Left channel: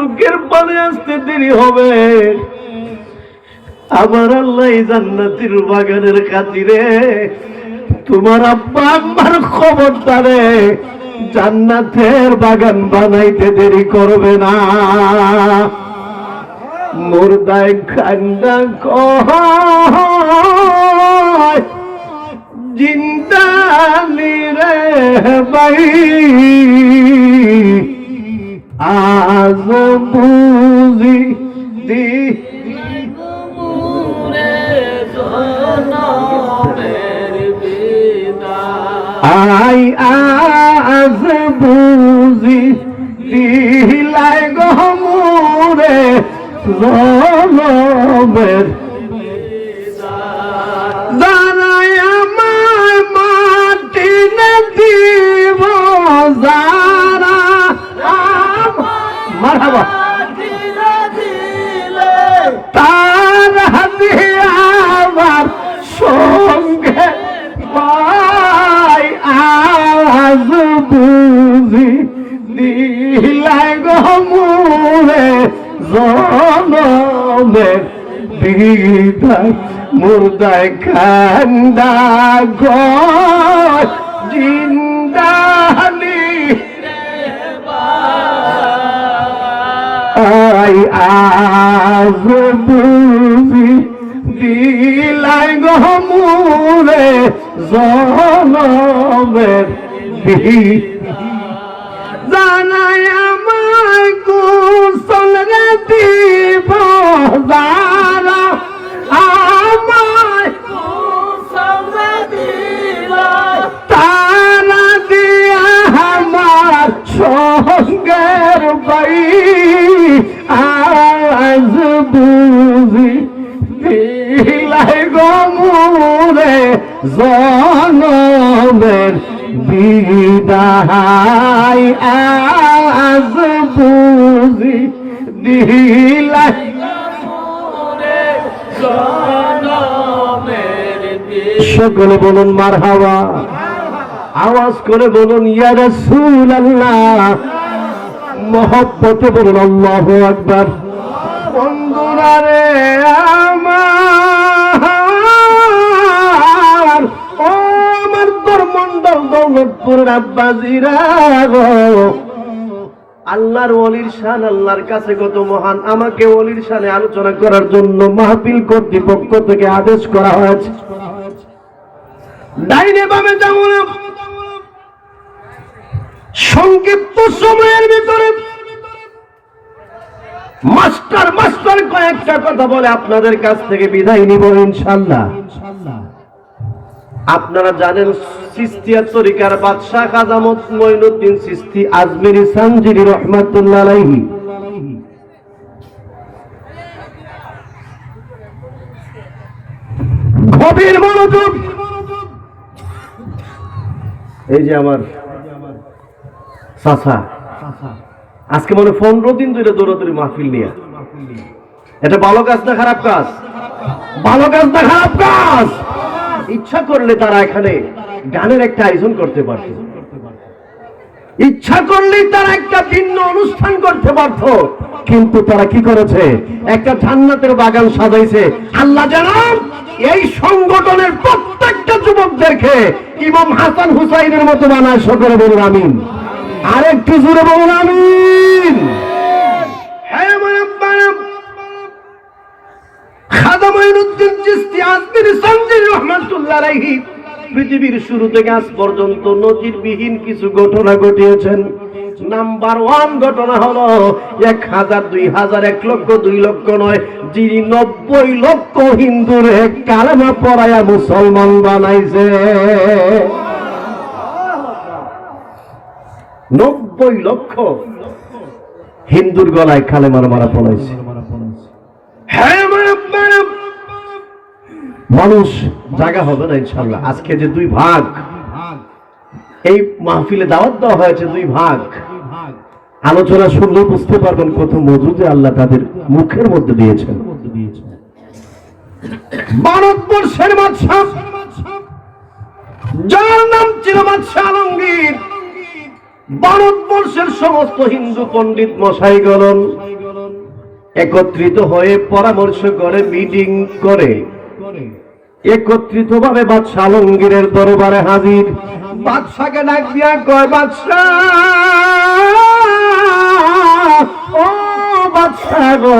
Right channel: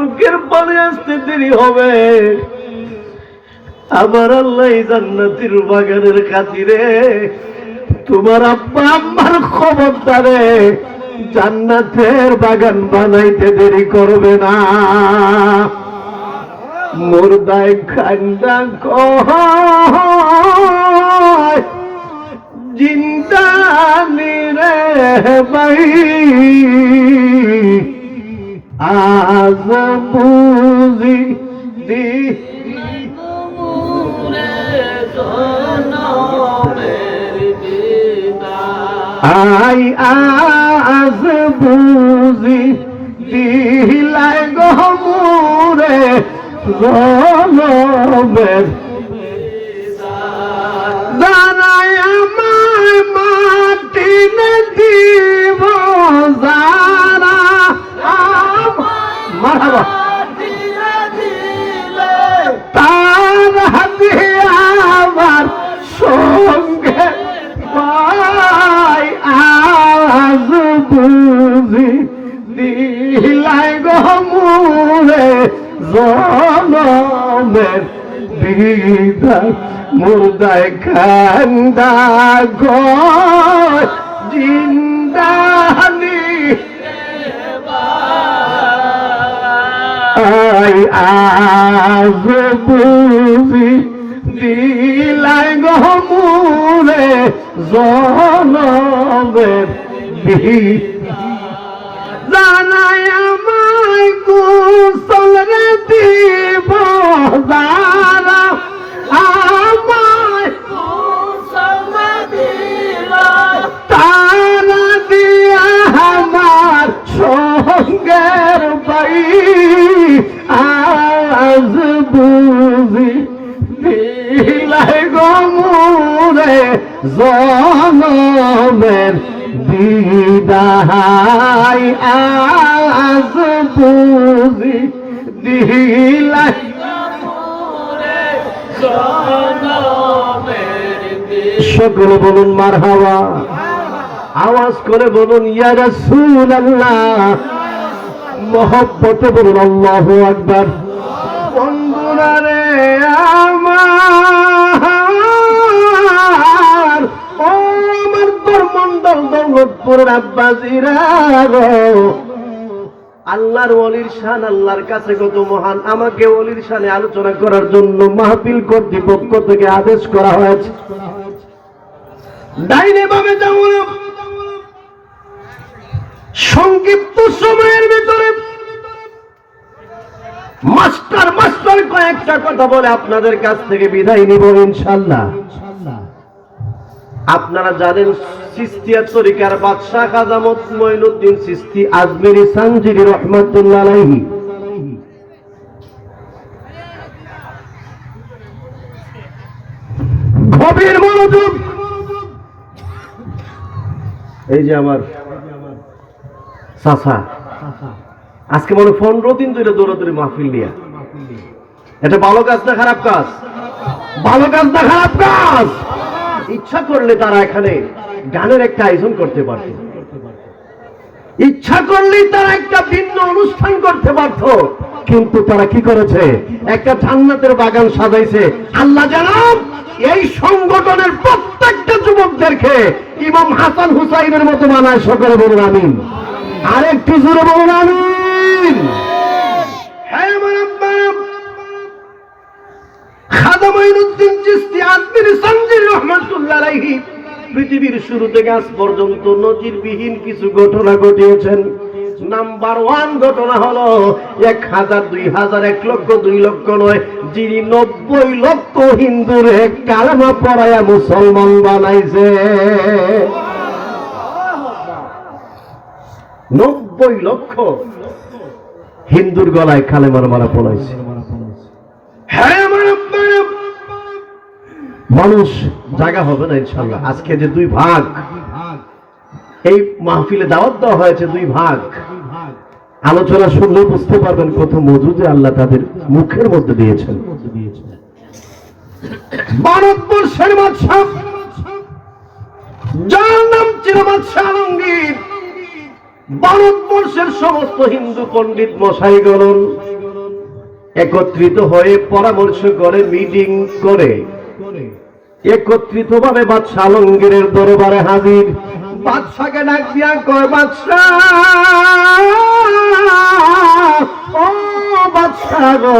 চোখের পানি আসতে দেরি হবে। আমার আল্লাহ জান্নাতের বাগানের খাতিরে তোমার আব্বা আম্মার খবরদারে জান্নাতের বাগান বানাইতে দেরি করবে না। মুর্দায় খান্ডা কয় জিন্দানি রে ভাই আজ বুঝি দি আই আজ বুঝি দিলাই গমুরে জনমের জানাই আমায় মাটি নে দিব যারা মারহাবা তারা দিয়ে আমার সঙ্গে পাই আজ বুঝি দিলাই গমুরে জনমের বিদায় মুর্দায় খান্দা গয় জিন্দানি আই আজ বুঝি দিলাই গমুরে জনমের জানাই আমায় কুশল রে দিব যারা আমায় কুশল দিব তারা দিয়া আমার সঙ্গের বাই আজ বুঝি দিলাই গমুরে জনমের বিদায় আজ বুঝি দিলাই সকলে বলুন মারহাবা, আওয়াজ করে বলুন ইয়া রাসূলুল্লাহ, মহব্বতে বলুন আল্লাহু আকবার। বন্ধুরা রে আমার মন্ডল দৌলতপুরের আব্বাজিরা, আল্লাহর ওলির শান আল্লাহর কাছে কত মহান। আমাকে ওলির শানে আলোচনা করার জন্য মাহফিল কর্তৃপক্ষ থেকে আদেশ করা হয়েছে। ডাইনে বামে যাব না, সংক্ষিপ্ত সময়ের ভিতরে মাস্টার কয়েকটা কথা বলে আপনাদের কাছ থেকে বিদায় নিব ইনশাআল্লাহ। আপনারা জানেন চিশতিয়া তরিকার বাদশাহ খাজা মঈনুদ্দিন চিশতি আজমিরি সানজিরি রহমাতুল্লাহ আলাইহি গভীর মনোযোগ। এই যে আমার চাচা আজকে মনে 15 দিন ধরে দৌড়াদৌড়ি মাহফিল নিয়ে, এটা ভালো কাজ না খারাপ কাজ? ভালো কাজ না খারাপ কাজ? ইচ্ছা করলে তারা এখানে গানের একটা আয়োজন করতে পারত, ইচ্ছা করলেই তারা একটা ভিন্ন অনুষ্ঠান করতে পারত, কিন্তু তারা কি করেছে? একটা জান্নাতের বাগান সাজাইছে। আল্লাহ জানাব এই সংগঠনের প্রত্যেকটা যুবকদেরকে ইমাম হাসান হুসাইনের মতো বানায়। সকলে বলুন আমিন, আরেকটু জোরে বলুন আমিন। হ্যাঁ আমার আব্বা খাজা মঈনুদ্দিন চিশতি আজমিরি সানজিরি রহমাতুল্লাহ আলাইহি পৃথিবীর শুরু থেকে আজ পর্যন্ত নজিরবিহীন কিছু ঘটনা ঘটিয়েছেন। নাম্বার 1 ঘটনা হলো 1000, 2000, 1 লক্ষ, 2 লক্ষ নয়, যিনি 90 লক্ষ হিন্দুরে কালেমা পড়ায়া মুসলমান বানাইছে। 90 লক্ষ হিন্দুর গলায় কালেমার মারা পড়াইছে। হ্যাঁ আমার আপনারা মানুষ জায়গা হবে না ইনশাআল্লাহ। আজকে যে 2 ভাগ এই মাহফিলে দাওয়াত দেওয়া হয়েছে, 2 ভাগ আলোচনা শুনলে বুঝতে পারবেন কত মধু যে আল্লাহ তাদের মুখের মধ্যে দিয়েছেন। ভারতবর্ষের বাদশা যার নাম ছিল বাদশা আলমগীর, ভারতবর্ষের সমস্ত হিন্দু পণ্ডিত মশাইগণ একত্রিত হয়ে পরামর্শ করে, মিটিং করে একত্রিত ভাবে বাদশাহ আলমগীরের দরবারে হাজির। বাদশাকে ডাক দিয়া কয়, বাদশাহ ও বাদশাহ গো,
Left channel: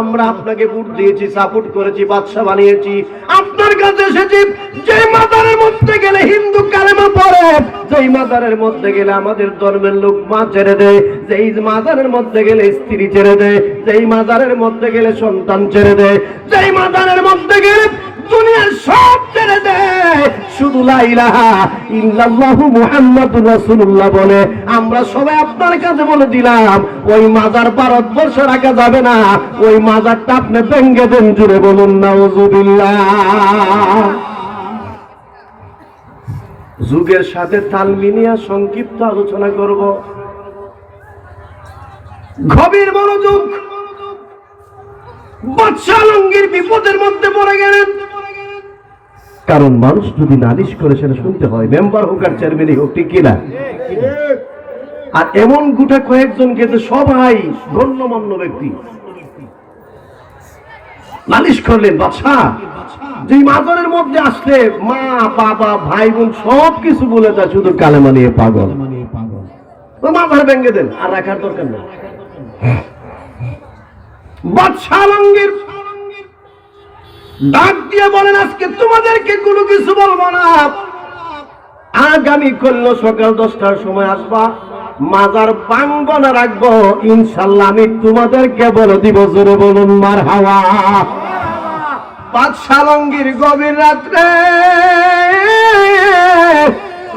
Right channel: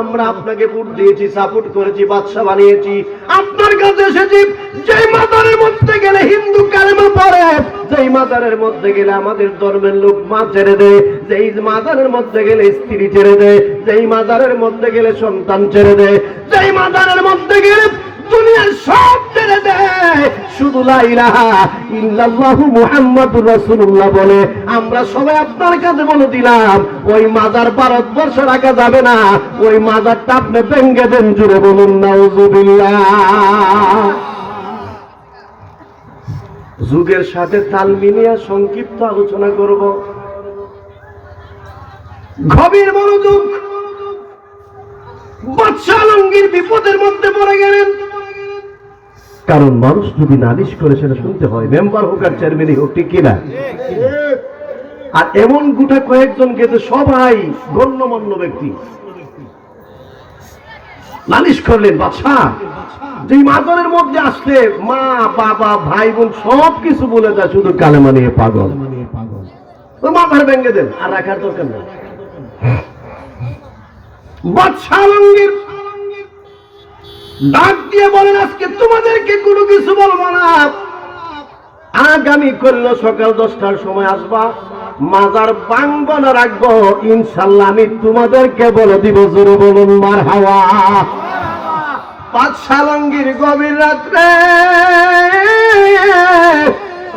আমরা আপনাকে ভোট দিয়েছি, সাপোর্ট করেছি, বাদশাহ বানিয়েছি, আপনার কাছে এসেছি। যে মাজারের মধ্যে গেলে হিন্দু কালেমা পড়ে, যেই মাজারের মধ্যে গেলে আমাদের ধর্মের লোক মা ছেড়ে দেয়, যেই মাজারের মধ্যে গেলে স্ত্রী ছেড়ে দেয়, যেই মাজারের মধ্যে গেলে সন্তান ছেড়ে দেয়, যেই মাজারের মধ্যে গেলে দুনিয়ার সব ছেড়ে দেয়, শুধু লা ইলাহা ইল্লাল্লাহু মুহাম্মাদুর রাসূলুল্লাহ বলে। আমরা সবাই আপনার কাছে বলে দিলাম, ওই মাজার ভারতবর্ষ রাখা যাবে না, ওই মাজারটা আপনি ভেঙে দেন। জুড়ে বলুন নাউযুবিল্লাহ। যুগের সাথে তাল মিলিয়ে সংক্ষিপ্ত আলোচনা করব। গভীর মনোযোগ। বাদশাহ আলমগীর বিপদের মধ্যে পড়ে গেলেন, কারণ মানুষ যদি নালিশ করে সেটা শুনতে হয়, মেম্বার হোক আর চেয়ারম্যানই হোক, ঠিক কিনা? আর এমন গোটা কয়েকজনকে যে সবাই গণ্যমান্য ব্যক্তি নালিশ করলেন। বাদশাহ যে মাজারের মধ্যে আসলে মা বাবা ভাই বোন সব কিছু বলে যায়, শুধু কালেমা নিয়ে পাগল, ও মাথার ভেঙে দেন, আর রাখার দরকার নেই। বাদশাহ আলমগীর ডাক দিয়ে বলেন, আজকে তোমাদেরকে কোনো কিছু বলবো না, আগামী করল সকাল 10টার সময় আসবা, মাজার ভাঙবো না রাখবো, ইনশাল্লাহ আমি তোমাদেরকে বলে দিব। জোরে বলুন মারহাবা। বাদশাহ আলমগীর গভীর রাত্রে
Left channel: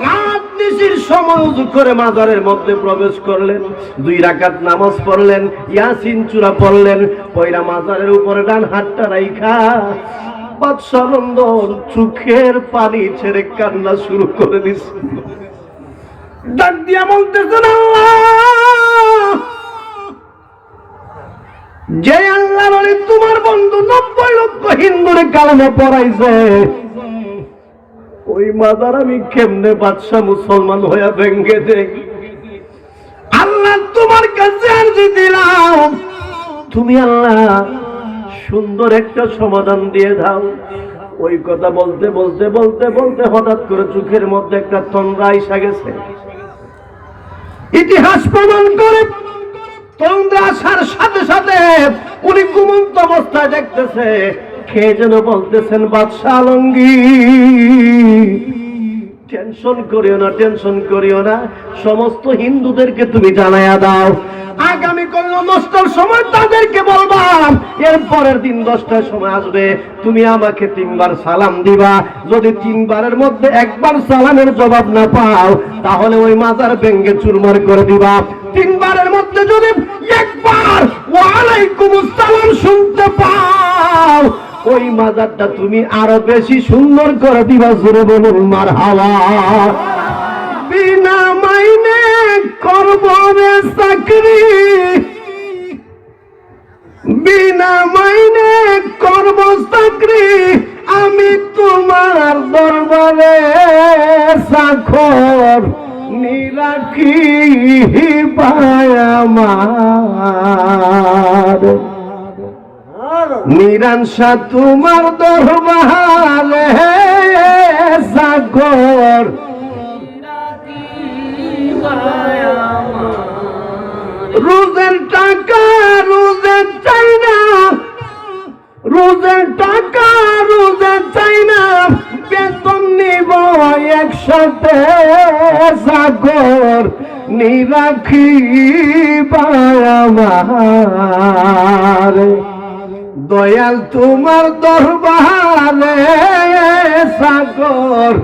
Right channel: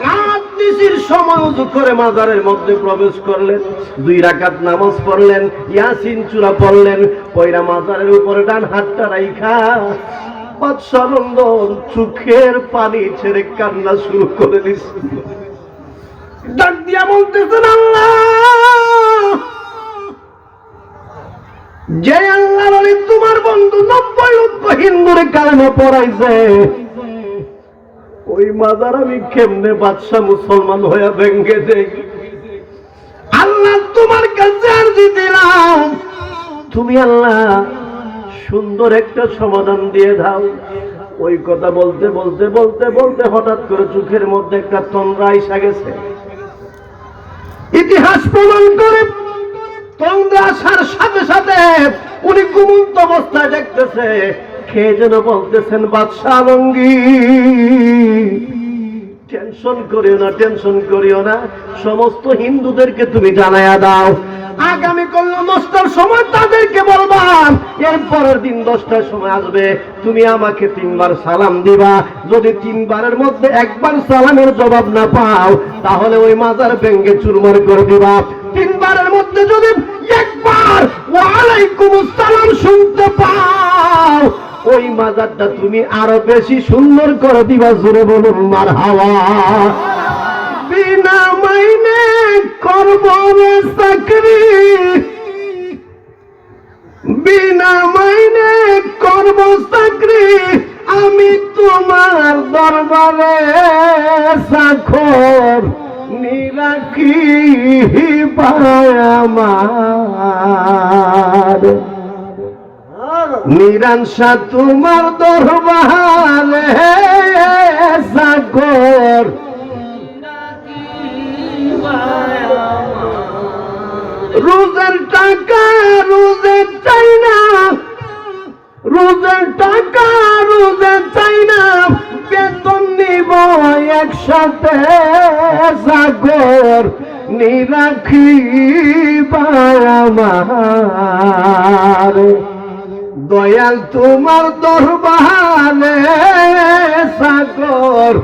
রাত্রির সময় উযু করে মাজারের মধ্যে প্রবেশ করলেন, 2 রাকাত নামাজ পড়লেন, ইয়াসিন সূরা পড়লেন, পয়রা মাজারের উপরে ডান হাতটা রাইখা বাদশাহ নন্দন চোখের পানি ছেড়ে কান্না শুরু করে দিছে। ডাক দিয়া বলতেছেন, আল্লাহ, যে আল্লাহ বলে তোমার বন্ধু 90 হিন্দুরে কালেমা পড়াইছে, ওই মাজার আমি কেমনে বাদশাহ মুসলমান হয়ে ভেঙে দেই। আল্লাহ তোমার কাছে আরজি দিলাম, তুমি আল্লাহ সুন্দর একটা সমাধান দিয়ে দাও। ওই কথা বলতে বলতে বলতে বলতে হঠাৎ করে চোখের মধ্যে একটা তন্দ্রা এসে গেছে। ইতিহাস প্রমাণ করে তন্দ্রা আসার সাথে সাথে উনি ঘুমন্ত অবস্থায় দেখতেছে, খেয়ে যেন বলতেছেন, বাদশাহ আলমগীর টেনশন করিও না, টেনশন করিও না, সমস্ত হিন্দুদেরকে তুমি জানাইয়া দাও, আগামী কাল 10টার সময় তাদেরকে বলবাম, এর পরের দিন 10টার সময় আসবে, তুমি আমাকে 3বার সালাম দিবা। যদি 3বারের মধ্যে 1বার সালামের জবাব না পাও, তাহলে ওই মাজার ভেঙে চুরমার করে দিবা। 3বারের মধ্যে যদি 1বার ওয়ালাইকুমুস সালাম শুনতে পাও, ওই মাজারটা তুমি আরো বেশি সুন্দর করে দিবা। জোরে বলুন মারহাবা। বিনা মাইনে করব চাকরি, বিনা মাইনে করব চাকরি, আমি তোমার দরবারে চাকর, নিরাকি আমার নিরাংশা তোমার দরবারে চাকর। রোজের টাকা রোজে চাই না, রোজের টাকা রোজে চাই না, বেতন নিব একসাথে চাকর, নিরাখিবা আমার, দয়াল তোমার দরবারে চাকর,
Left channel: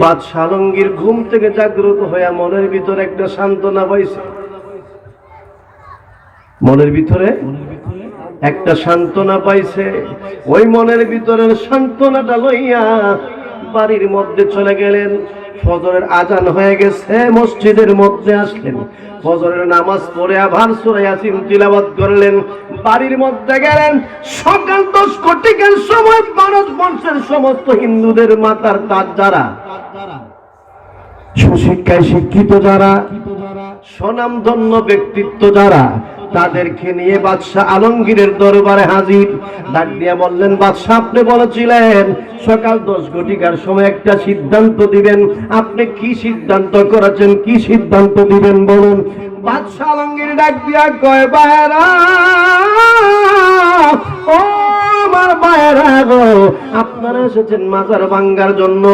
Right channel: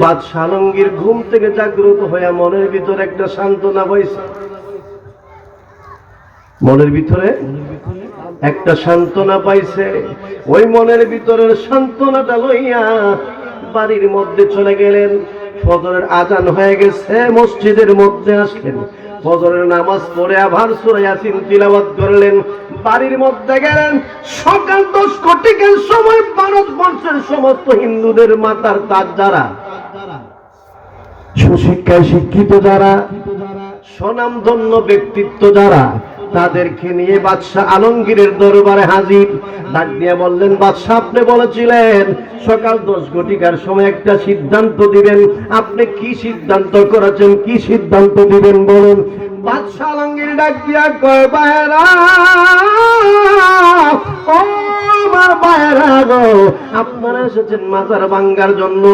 বাদশাহ আলমগীর ঘুম থেকে জাগ্রত হয়ে মনের ভিতরে একটা সান্ত্বনা পাইছে, মনের ভিতরে একটা সান্ত্বনা পাইছে। ওই মনের ভিতরের সান্ত্বনাটা লইয়া বাড়ির মধ্যে চলে গেলেন। ফজরের আজান হয়ে গেছে, মসজিদের মধ্যে আসলেন। ফজরের নামাজ পড়ে আবার সূরা ইয়াসিন তিলাওয়াত করলেন, বাড়ির মধ্যে গেলেন। সকাল 10 কোটিকের সময় ভারতবর্ষের সমস্ত হিন্দুদের মাথার তাজ যারা, সুশিক্ষায় শিক্ষিত যারা, স্বনামধন্য ব্যক্তিত্ব যারা, তাদেরকে নিয়ে বাদশাহ আলমগীরের দরবারে হাজির। ডাক দিয়ে বললেন, বাদশাহ আপনি বলেছিলেন সকাল 10 ঘটিকার সময় একটা সিদ্ধান্ত দিবেন, আপনি কি সিদ্ধান্ত করেছেন, কি সিদ্ধান্ত দিবেন বলুন। বাদশাহ আলমগীর ডাক দিয়া কয়, ভাইরা ও আমার ভাইরা গো, আপনারা এসেছেন মাজার ভাঙ্গার জন্য,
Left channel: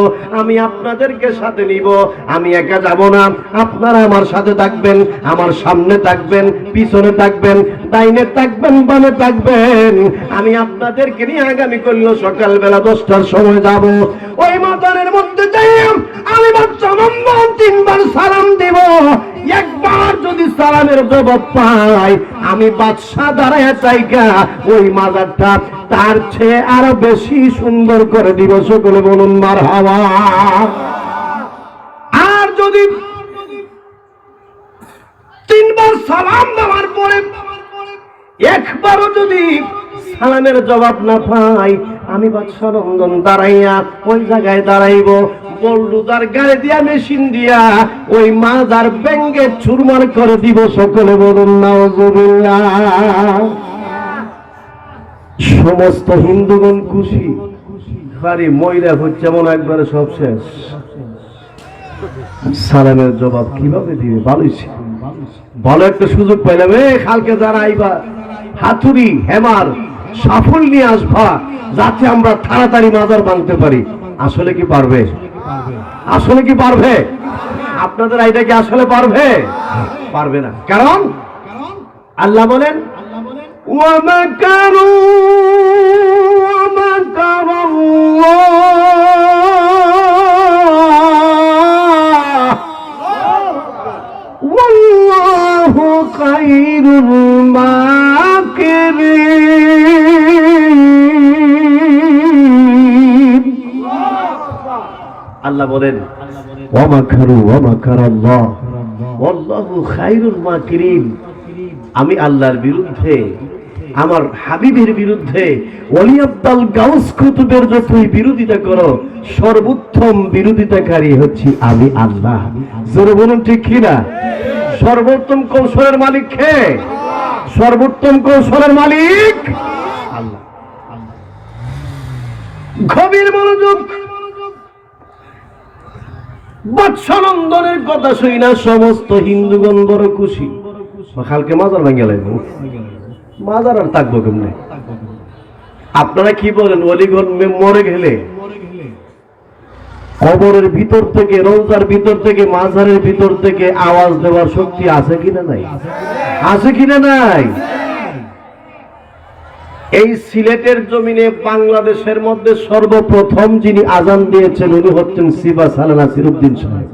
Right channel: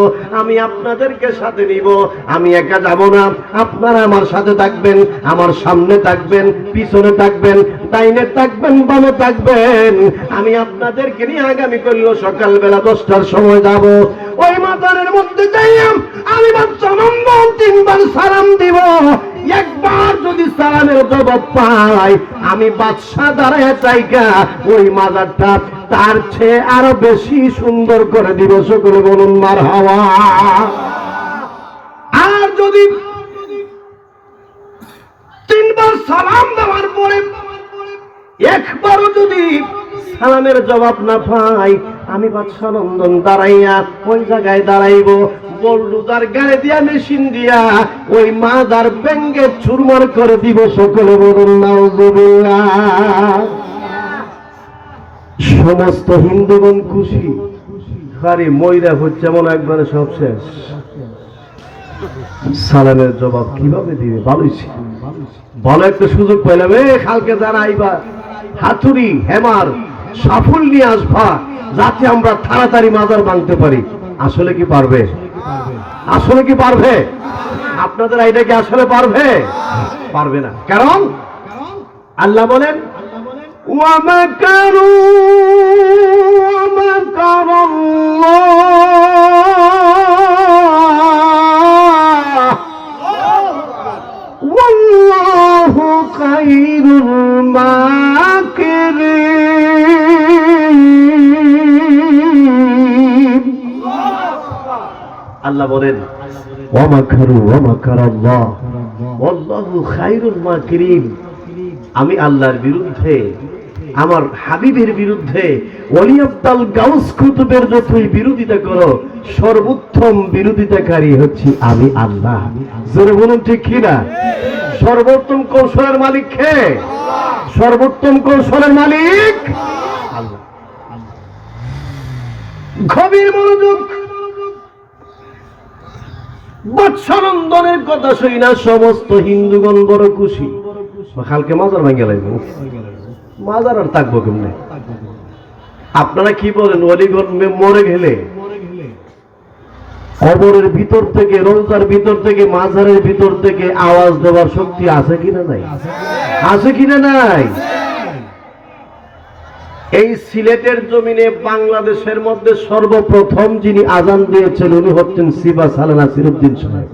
আমি আপনাদেরকে সাথে নিব, আমি একা যাব না, আপনারা আমার সাথে থাকবেন, আমার সামনে থাকবেন, পিছনে থাকবেন, ডাইনে থাকবেন, বামে থাকবেন। আমি আপনাদেরকে নিয়ে আগামী করল সকালবেলা 10টার সময় যাব। ওই মাজারের মধ্যে যাই আমি বাচ্চা নম্বর 3 বার সালাম দিব। একবার যদি সালামের জবাব পাই, আমি বাদশাহ দাঁড়ায় চাইকা ওই মাজারটা তার চেয়ে আরো বেশি সুন্দর করে দিব। সকলে বলুন মারহাবা। আর যদি 3 বার সালাম দেওয়ার পরে একবারও যদি সালামের জবাব না পাই, আমি বাদশাহ নন্দন দাঁড়াইয়া ওই জায়গায় দাঁড়াইব, বল্লুদার গায়ে দিয়া মেশিন দিয়া ওই মাজার ব্যাঙ্গে চুরমার করে দিব। সকলে বলুন নাউজুবিল্লাহ। সমস্ত হিন্দুগণ খুশি, খালি ময়রা হচ্ছে মনে একবারে সব শেষ। সালামের জবাব কিভাবে দিবে বলেছি, ভালো একটা সুযোগ পাইলাম। কালকে যারা আইবা হাতুড়ি হেমার সাফল নিয়ে আসবা, যাতে আমরা তাড়াতাড়ি মাজার ভাঙতে পারি। আসলে কি পারবে? আসলে কি পারবে? আপনাদের আইটা কি আসলে পারবে? পারবে না। কারণ আল্লাহ বলেন, ওয়ামাকারু ওয়ামাকারাল্লাহ ওয়াল্লাহু খায়রুল মাকিরিন। আল্লাহ বলেন, ওয়ামাকারু ওয়ামাকারাল্লাহ ওয়াল্লাহু খায়রুল মাকিরিন। আমি আল্লাহর বিরুদ্ধে, আমার হাবিবের বিরুদ্ধে, ওলি আব্দাল গাউস কুতুবের যতই বিরোধিতা করো, সর্বোত্তম বিরোধিতাকারী হচ্ছি আমি আল্লাহ। জোরে বলুন ঠিক কিনা? সর্বোত্তম কৌশলের মালিক কে? সর্বোত্তম কৌশলের মালিক আল্লাহ। গভীর মনোযোগ। বৎসনন্দনের কথা শুই না সমস্ত হিন্দুগণ বড় খুশি। কালকে মাজার ভাঙিয়ে লাগবে, মাজার আর থাকবো কেমনে? আপনারা কি বলেন, অলিগণ মরে গেলে কবরের ভিতর থেকে, রোজার ভিতর থেকে, মাজারের ভিতর থেকে আওয়াজ দেওয়ার শক্তি আছে কিনা নাই? আছে কিনা নাই? এই সিলেটের জমিনে বাংলাদেশের মধ্যে সর্বপ্রথম যিনি আজান দিয়েছেন উনি হচ্ছেন সিবা সালানা নাসিরউদ্দিন সাহেব।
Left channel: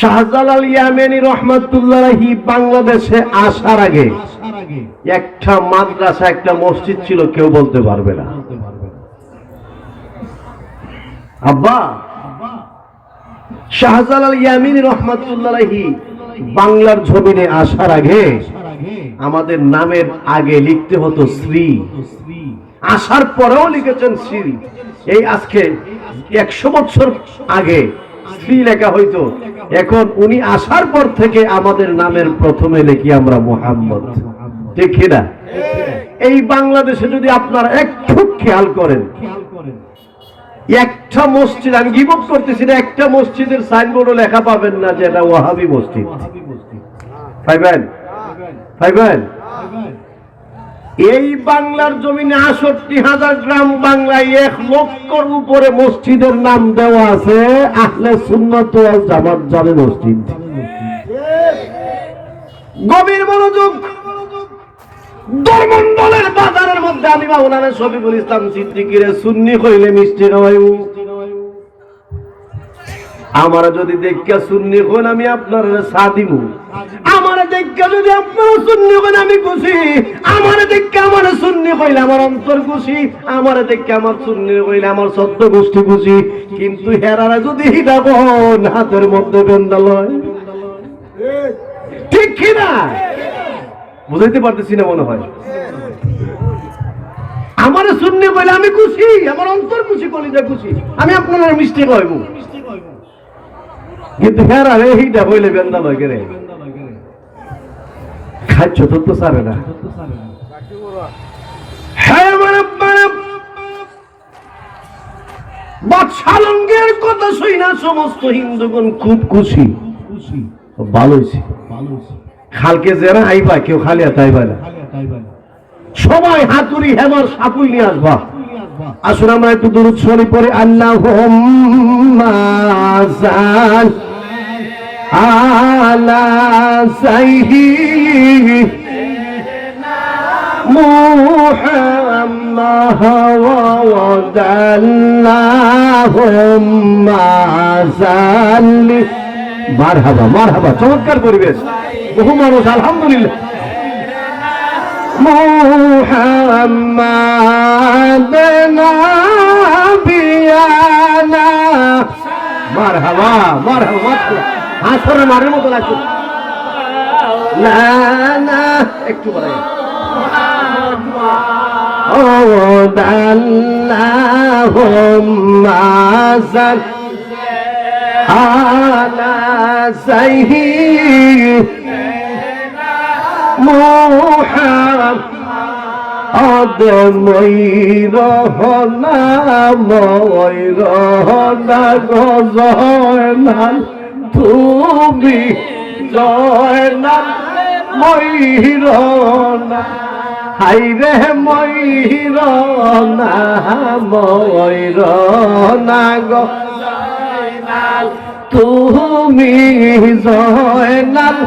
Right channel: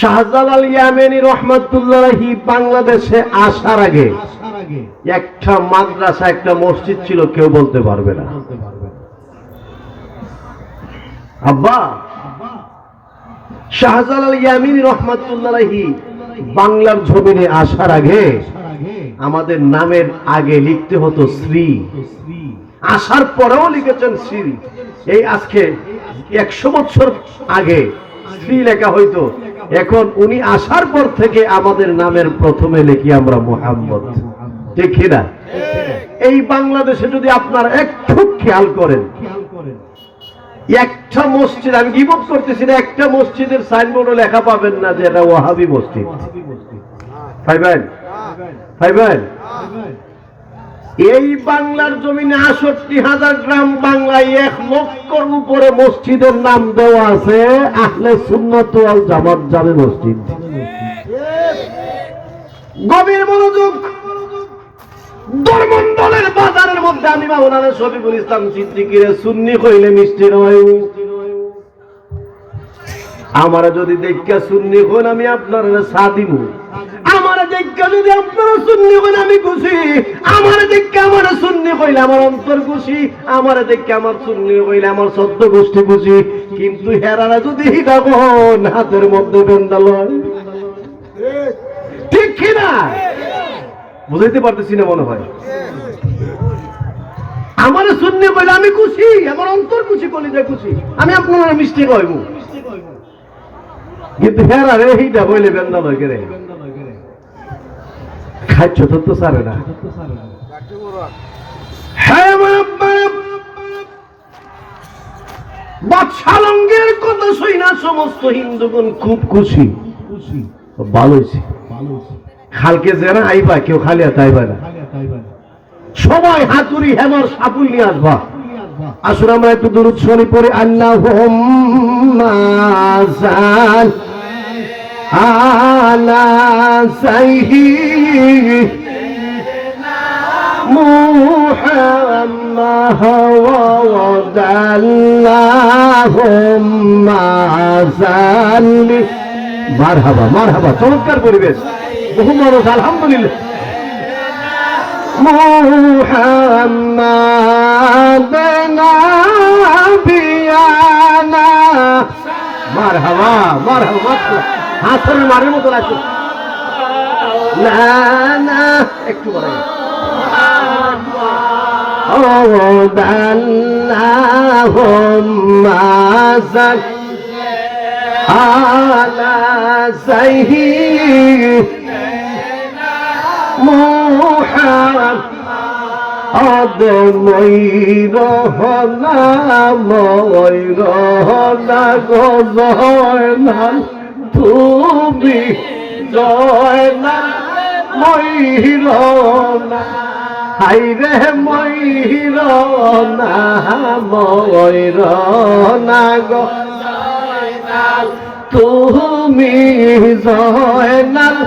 শাহজালাল ইয়ামানি রহমাতুল্লাহি বাংলাদেশে আসার আগে একটা মাদ্রাসা, একটা মসজিদ ছিল, কেউ বলতে পারবে না। আব্বা শাহজালাল ইয়ামানি রহমাতুল্লাহি বাংলার জমিনে আসার আগে আমাদের নামের আগে লিখতে হতো শ্রী, আসার পরেও লিখেছেন শ্রী। এই আজকে 100 বছর আগে শ্রী লেখা হইতো, এখন উনি আসার পর থেকে আমাদের নামের প্রথমে লিখি আমরা মুহাম্মদ। ঠিক না? এই বাংলাদেশে যদি আপনারা একটু খেয়াল করেন, একটা মসজিদ, আমি গীবত করতেছি না, একটা মসজিদের সাইনবোর্ডে লেখা পাবেন না যে এটা ওয়াহাবি মসজিদ। পাইবেন? পাইবেন? এই বাংলার জমিনে ৬৮,০০০ গ্রাম বাংলায় ১ লক্ষর উপরে মসজিদের নাম দেওয়া আছে আহলে সুন্নাত ওয়াল জামাত জামে মসজিদ। গভীর মনোযোগ। ধর্মমন্ডলের বাজারের মধ্যে আমি মাওলানা শফিকুল ইসলাম সিদ্দিকীরে সুন্নি কইলে মিষ্টি নয়। আমারা যদি দেখা সুন্নি হন আমি আপনার চা দিব, আমারা দেখা দেখে যদি আপনারা সুন্নি বলে আমি খুশি, আমার দেখে আমার সুন্নি কইলে আমার অন্তর খুশি, আমার দেখে আমার সুন্নি কইলে আমার সত্য গোষ্ঠী খুশি। কিন্তু হেরারা যদি দেখুন হাতের মধ্যে বেন্দাল ঠিক কিনা বুঝাইতে পারতেছি না মনে হয়। আমার সুন্নি কইলে আমি খুশি, আমার অন্তর খুশি, কলিজা খুশি, আমি আপনারা মিষ্টি কইব। কিন্তু হেরা রে এইটা কইলে বেন্দাল হয় রে খাচ্ছ তো সারে না। হ্যাঁ আমার আব্বারা বাদশালঙ্গের কথা শুই না সমস্ত হিন্দুগণ খুব খুশি, ভালো হয়েছে। খালকে যারা আইবা কেউ খালি হাতে আইবা না, সবাই হাতুড়ি হেমর সাপুই নিয়ে আসবা। আসুন আমরা একটু দুরূদ শরীফ পড়ে আল্লাহুম্মা সাল্লি আলা সাইয়্যিদিনা মুহাম্মাদ আল্লাহুম্মা সাল্লি। মারহাবা মারহাবা, চমৎকার পরিবেশ, বহু মানুষ আলহামদুলিল্লাহ। মুহাম্মাদ নাবিয়ানা, মারহাবা মারহাবা, হাসরে মারের মতো লাগছে না না, একটু বলে আল্লাহুম্মা সাল্লি আলা সাইয়্যিদিনা মুহাম্মাদ ময়ূরহনা ময়ূরহনা গজয়নাল তুমি জয়নাল ময়ূরনা, হাইরে ময়ূরনা ময়ূরনা গজয়নাল তুমি জয়নাল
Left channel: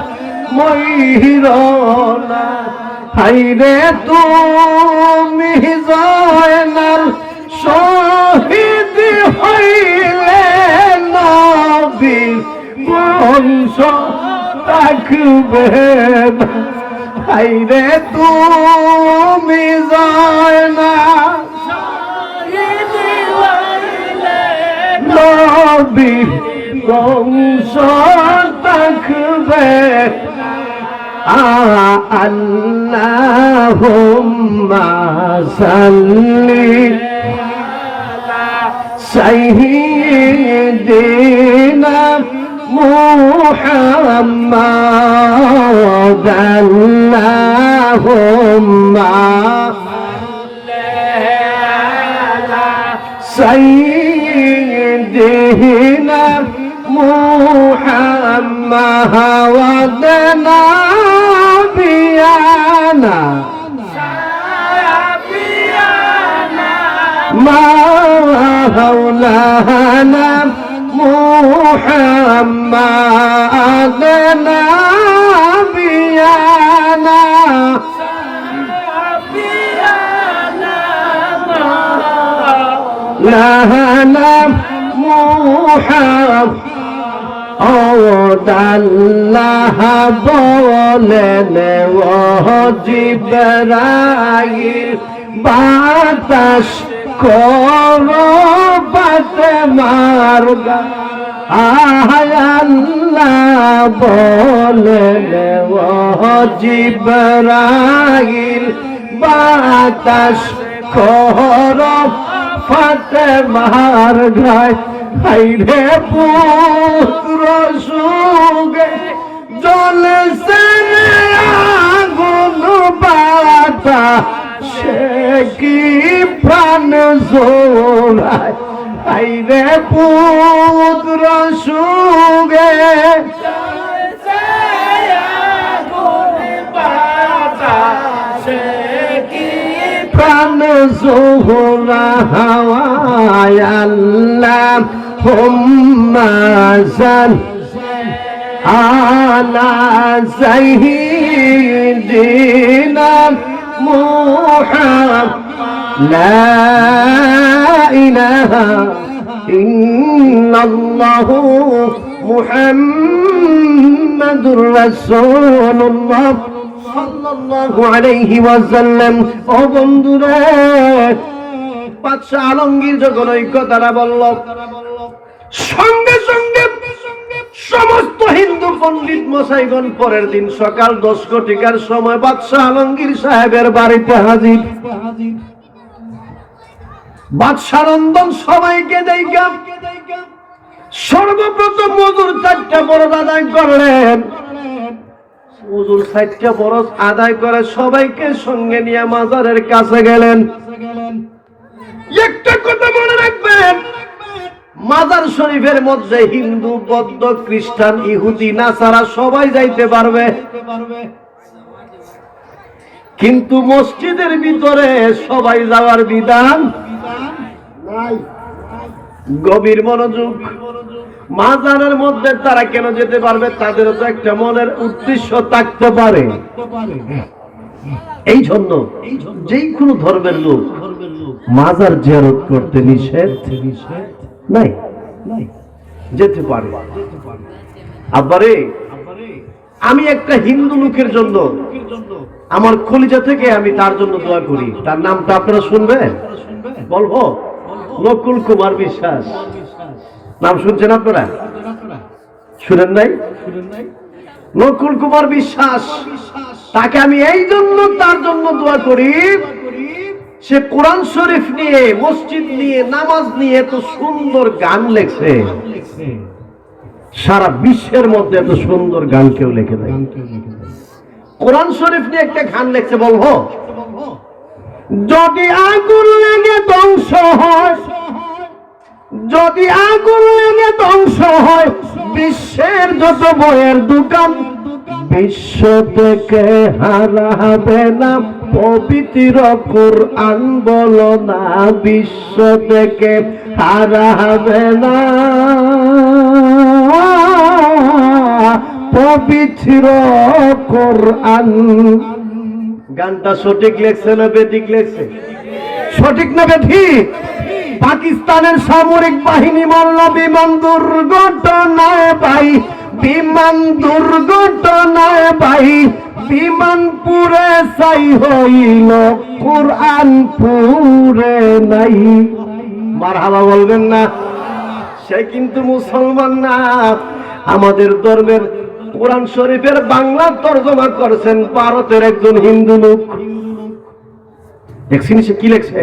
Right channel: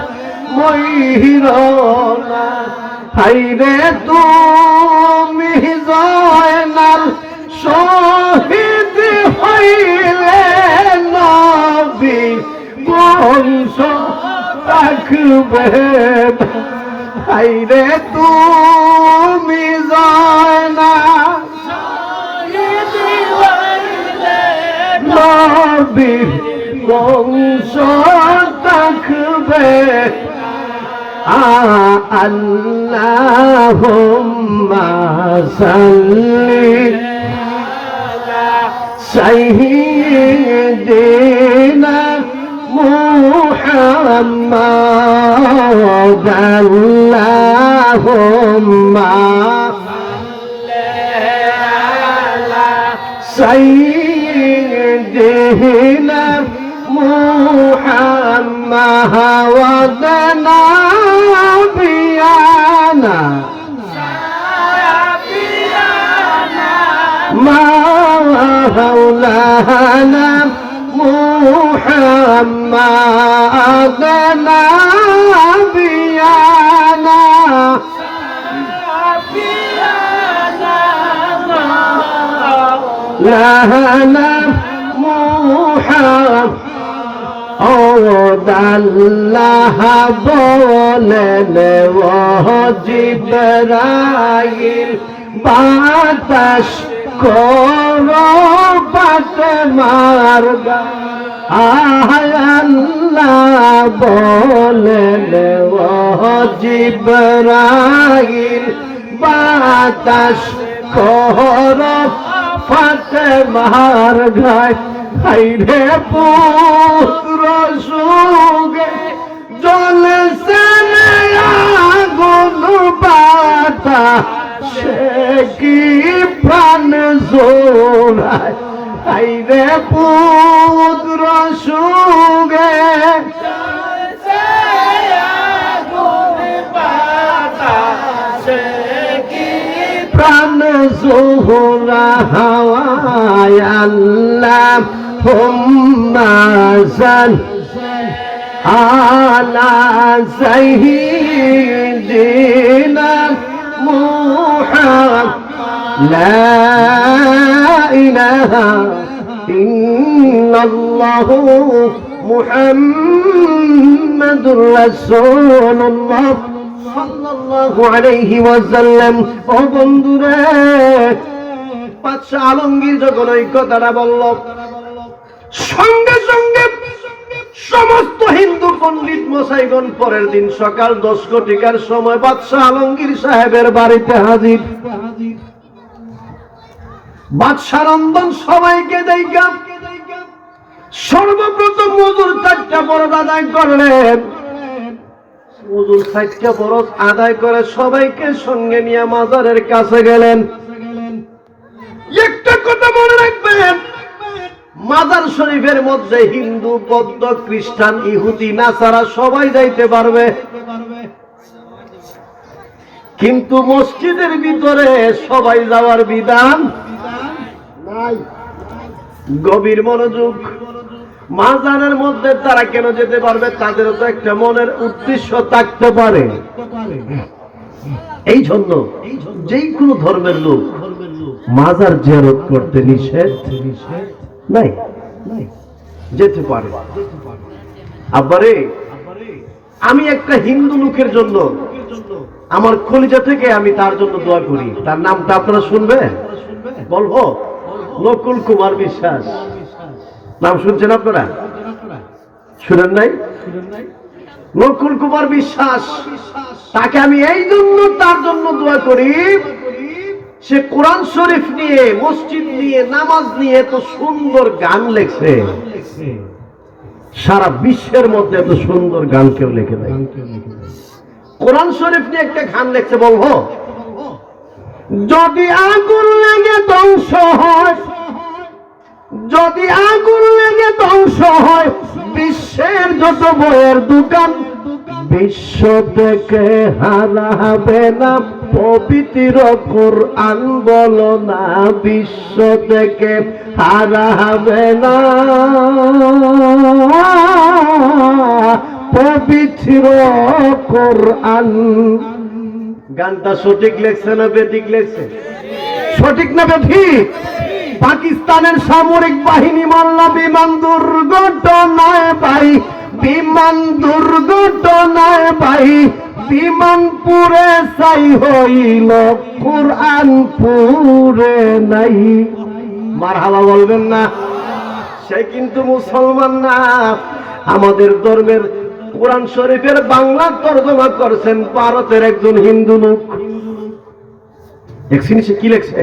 ময়ূরনা, হাইরে তুমি জয়নাল শহীদ হইলে নবীর বংশ থাকবে না, হাইরে তুমি জয়নাল শহীদ হইলে নবীর বংশ থাকবে। আল্লাহুম্মা সাল্লি আলা সাইয়্যিদিনা মুহাম্মাদ আল্লাহুম্মা সাইয়্যিদিনা মুহাম্মাদ নাবিয়ানা মাওলানা মুহাম্মাদ নাবিয়ানা লানা মুহাম্মাদ আল্লাহ বলেন ও জিবরাইল বাতাস করো বাতে মারগা, আল্লাহ বলেন ও জিবরাইল বাতাস করো ফাতে মার গায়, হাইরে পুত্র সুগে জ্বলছে আগুন বাতা, সে কি প্রাণ জোড়ায়, হাইরে পুত্র সুগে জ্বলছে আগুন বাতা, সে কি প্রাণ জোড়া হাওয়ায়। আল্লাহুম্মা সাল্লি আলা সাইয়্যিদিনা মুহাম্মাদ লা ইলাহা ইন্নাল্লাহু মুহাম্মাদুর রাসূলুল্লাহ সাল্লাল্লাহু আলাইহি ওয়াসাল্লাম। ও বন্ধুরা, বাদশা আলমগীর যখন ওই কথাটা বলল, সঙ্গে সঙ্গে সমস্ত হিন্দু পণ্ডিত মশাইগণ পরের দিন সকাল 10 ঘটিকার সময় বাদশা আলমগীর সাহেবের বাড়িতে হাজির। বাদশা রন্ধন সবাইকে দেখা সর্বপ্রথম হুজুর 4টা ফরজ আদায় করলেন। হুজুর 4টা ফরজ আদায় করে সবাইকে সঙ্গে নিয়ে মাজারের কাছে গেলেন। একটা কথা মনে রাখবেন, মাজার শরীফের মধ্যে হিন্দু, বৌদ্ধ, খ্রিস্টান, ইহুদি, নাসারা সবাই যাইতে পারবে, কিন্তু মসজিদের ভিতরে সবাই যাওয়ার বিধান নাই। গভীর মনোযোগ। মাজারের মধ্যে তারা কেন যেতে পারবে? তাদেরও তো একটা মনের উদ্দেশ্য থাকতে পারে। এই জন্য যেই কোনো ধর্মের লোক মাজার জিয়ারত করতে নিষেধ নাই, যেতে পারে। আবারে আমি একটা হিন্দু লোকের জন্য আমার কলিজা থেকে আমি তার জন্য দোয়া করি। তার নামটা আপনারা শুনবেন? বলবো, নকুল কুমার বিশ্বাস। নাম শুনছেন আপনারা? শুনেন নাই? নকুল কুমার বিশ্বাস, তাকে আমি এই জন্য তার জন্য দোয়া করি, সে কোরআন শরীফ নিয়ে, মসজিদ নিয়ে, নামাজ নিয়ে এত সুন্দর গান লেখছে। সারা বিশ্বের মধ্যে এত সুন্দর গান কেউ লেখে নাই। কোরআন শরীফ নিয়ে একটা গান লেখছে, বলবো, যদি আগুন লেগে ধ্বংস হয়, যদি আগুন লেগে ধ্বংস হয় বিশ্বের যত বইয়ের দোকান, বিশ্ব থেকে হারাবে না পবিত্র কোরআন, বলো না বিশ্ব থেকে হারাবে না পবিত্র কোরআন। গানটা সঠিক লেখছে না বেঠিক লেখছে? সঠিক না বেঠিক? পাকিস্তানের সামরিক বাহিনী মারল বিমান দুর্ঘটনায় ভাই, বিমান দুর্ঘটনায় ভাই, বিমান পুরে ছাই হইল, কোরআন পুরে নাই। মারহাবা বলবেন না? সে কিন্তু মুসলমান না। আমাদের ধর্মের কোরআন শরীফের বাংলা তর্জমা করেছেন ভারতের একজন হিন্দু লোক। দেখছেন সে কি লেখছে?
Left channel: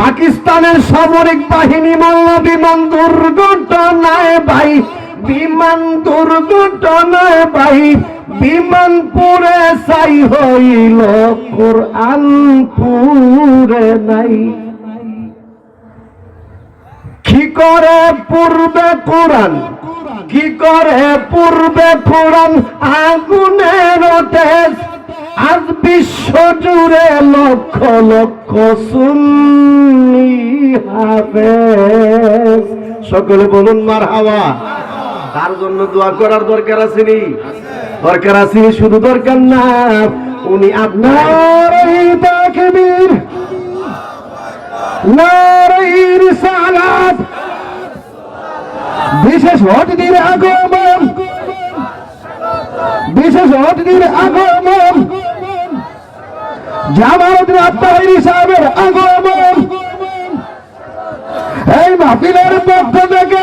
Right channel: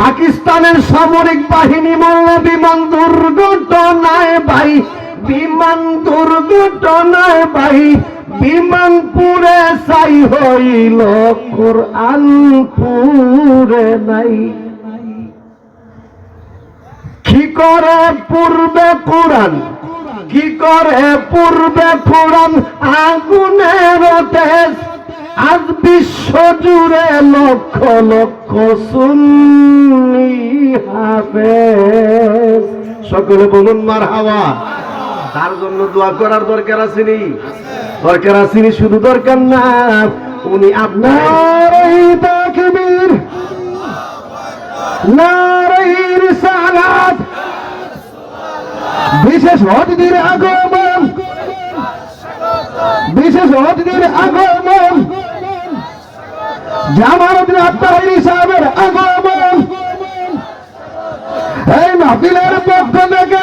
পাকিস্তানের সামরিক বাহিনী মারল বিমান দুর্ঘটনায় ভাই, বিমান দুর্ঘটনায় ভাই, বিমান পুরে ছাই হইল, কোরআন পুরে নাই। কি করে পূর্বে কোরআন, কি করে পূর্বে কোরআন আগুনের তেজ, আজ বিশ্ব জুড়ে লক্ষ লক্ষ সুন্নি হাফেজ। সকলে বলুন মারহাবা। তার জন্য দোয়া করার দরকার আসেনি? দরকার আসেনি, শুধু দরকার না, উনি আপনার তাকবীর, নারে রিসালাত, বিশেষ অতিথির আগমন, বিশেষ অতিথির আগমন, জামালউদ্দিন আত্মাহিরি সাহেবের আগমন, এই মাহফিলের পক্ষ থেকে,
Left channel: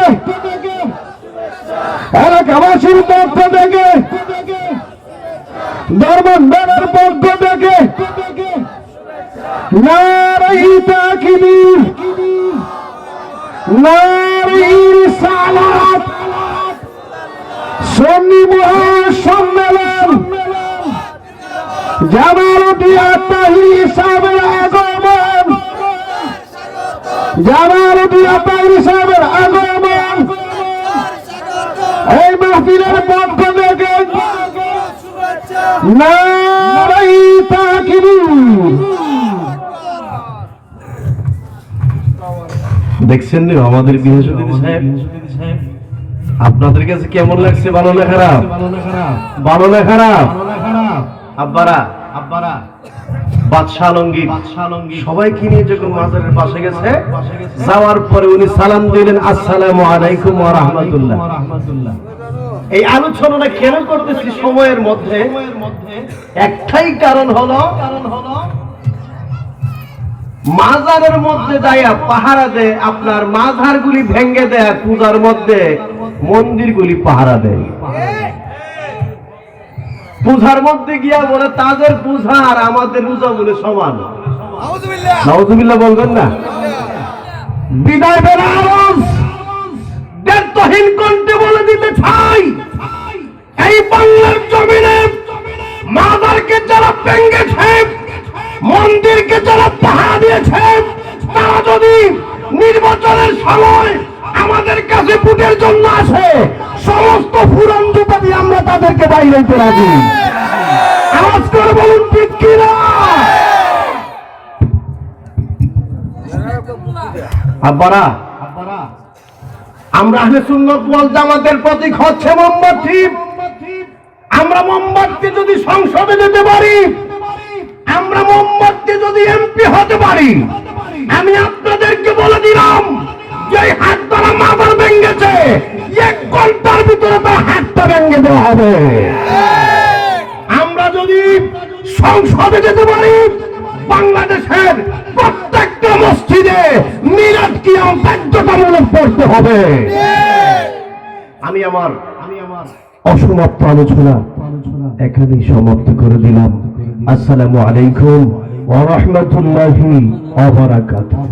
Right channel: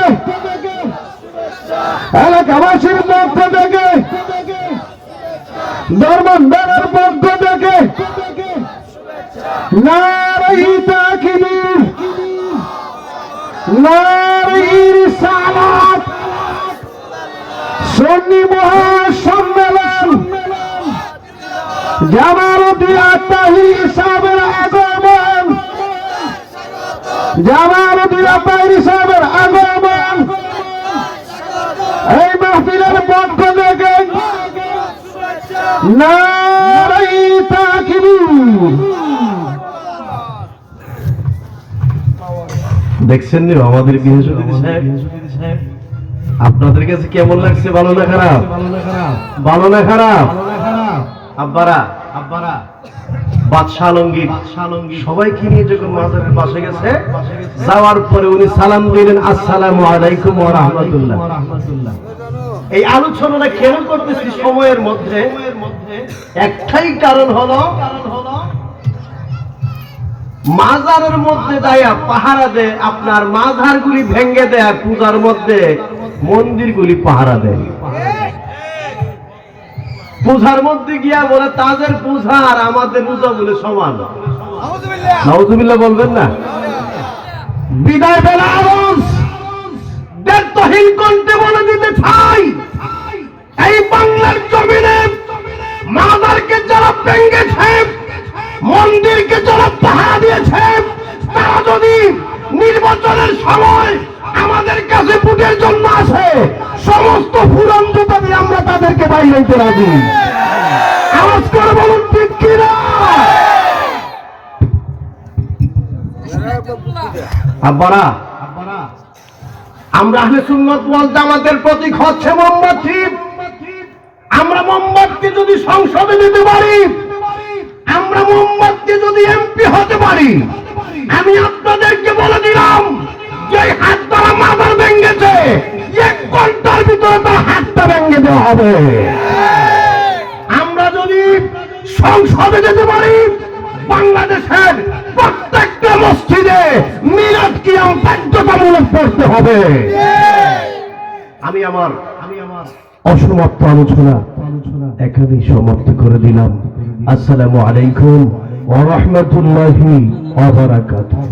এলাকাবাসীর পক্ষ থেকে, ধর্মদানের পক্ষ থেকে নারে তাকবীর, নারে রিসালাত, সুন্নি মহাসম্মেলন, জামালউদ্দিন আত্মাহিরি সাহেবের আগমন, জামালউদ্দিন আত্মাহিরি সাহেবের আগমন, এই মাহফিলের পক্ষ থেকে নারে তাকবীর। দেখছেন নি আমাদের বিহাসুদ্দিন সাহেব? আপনাদের কাছে কেমন লাগছে? ভালো না খারাপ? ভালো না খারাপ? আব্বারা বাদশাহ আলমগীর সবাইকে নিয়ে যখন মাজারের পাশে গেছে, যাওয়ার পরে উনি সালাম দিলেন, আসসালামু আলাইকুম ওয়া রাহমাতুল্লাহ। এই আলোচনাটা কেন করতেছি সময়ের মধ্যে, একটাই কারণ হলো মাজারের মধ্যে যাইয়া পাহারা দেয়, আপনার মাজারগুলি ভেঙে দেয়, পূজার মধ্যে মন্দিরগুলি পাহারা দেয়। পূজার মধ্যে গিয়া বলে তাদের পূজা আর আমাদের পূজা বলে সমান। নাউজুবিল্লাহ বলবেন না? বিদায় বেলা আওয়াজ ব্যর্থহীন কণ্ঠে বলে দিতে চাই, এই বাংলার জমিনে মাজারকে যারা ভেঙেছে, মন্দিরকে যারা পাহারা দিয়েছে, তারা যদি নির্বাচনের সময় আমাদের কাছে ভোটের জন্য আসে, সমস্ত পুরান জুতা দিয়ে আমরা তাদেরকে বাইরে দিতে রাজি। আওয়াজ করে বলুন ঠিক কিনা? আব্বারা, আমরা আহলে সুন্নাত ওয়াল জামাতের প্রতীক হচ্ছে মোমবাতি। আমরা মোমবাতি যদি সংসদে দিতে পারি, আমরা মোমবাতি যদি এমপি হতে পারি, আমি আপনাদেরকে বলে দিলাম যে হাত দ্বারা মাজার ভেঙেছে, 1 ঘন্টার ভিতরে তার হাতটা ভেঙে দেওয়া হবে। আমরা যদি সংসদে যেতে পারি, বাংলাদেশের প্রত্যেকটা মসজিদে মিলাদ কিয়াম বাধ্যতামূলক করতে হবে। আমি আমার অসমাপ্ত আলোচনা এখানেই সমাপ্ত করে দিলাম। আসসালামু আলাইকুম ওয়া রাহমাতুল্লাহি ওয়া বারাকাতুহু।